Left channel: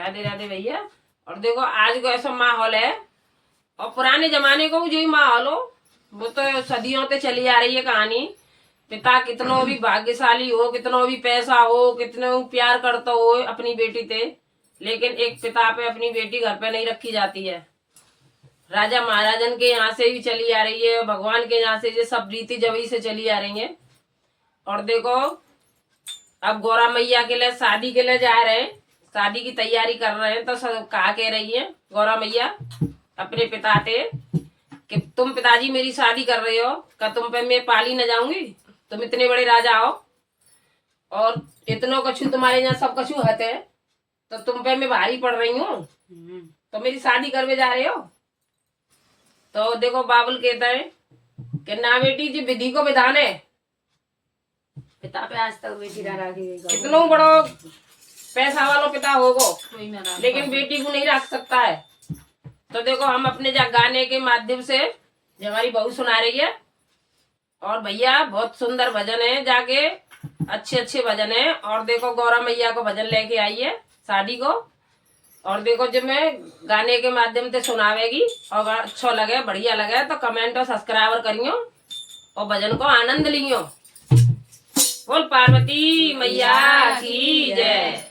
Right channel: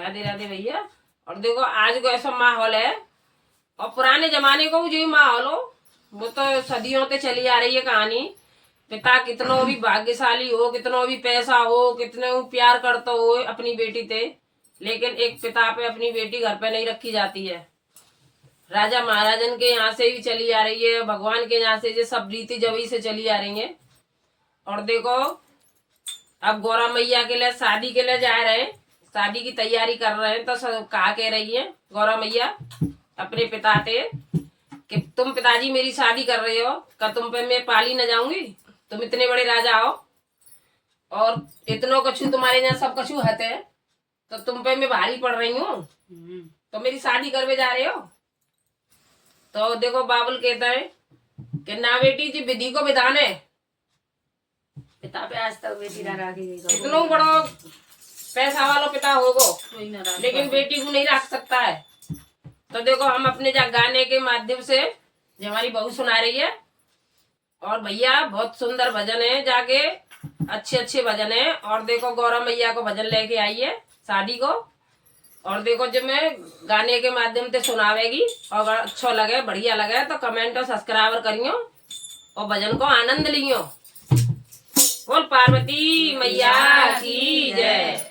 राधे राधे भैया। और देखो आज को ऐसा माहौल है, और पुराने जमाने को भी जो ही माहौल हो, वो तो सदियों से चली आ रही है कहानी। पिता कितनो भी भाग्यशाली हो, कितनो भी पैसा हो, कितनो प्यार करता हो अपनी बेटी से, लेकिन एक पिता पे अपनी बेटी घर पे नहीं रखी जाती है। राजा महाराजन के यहाँ से भी चली आ रही है, भगवान के यहाँ से ये सब रीति जबी से चली आ रही है। और देखो अब गौरा मैया के लिए शादी के लिए जा रहे हैं, शादी की तैयारी कर रहे हैं, तो कहा कह रही है गौरा मैया अपने पिता से कि तुम पिताजी मेरी शादी कर रहे हो, क्या तुम पे मैं पाली न जाऊंगी? तुम इतने बड़े राजा हो और इतनो कछु तुम्हारे यहाँ सब कछु हते, तो तुम पे मैं भारी पड़ रही हूँ, तो मेरी शादी करवे जा रहे हो? तो देखो बाबुल कहता है कि ना बेटी जी, विधि को विधान है। पिता पे आज तक बेटी ना रखी गई। इतना बड़ा पैसा वाला पिता होगो, लेकिन बेटी को नहीं रख सकता है। तो देखो हम अपने गाने के माध्यम से जो हमारी बहू सुना रही है, और भैया बहुत सुंदर भजन है, जाके अच्छे अच्छे भजन है। और देखो गौरा मैया को भजन लेके आई है शादी को, और देखो जब मैं गाने के माध्यम से सुनावेगी, और अगर अच्छा लगे बढ़िया लगे तो कमेंट और सब्सक्राइब करियो और भजन को आनंद लियो। बोल पार्वती मैया की जय।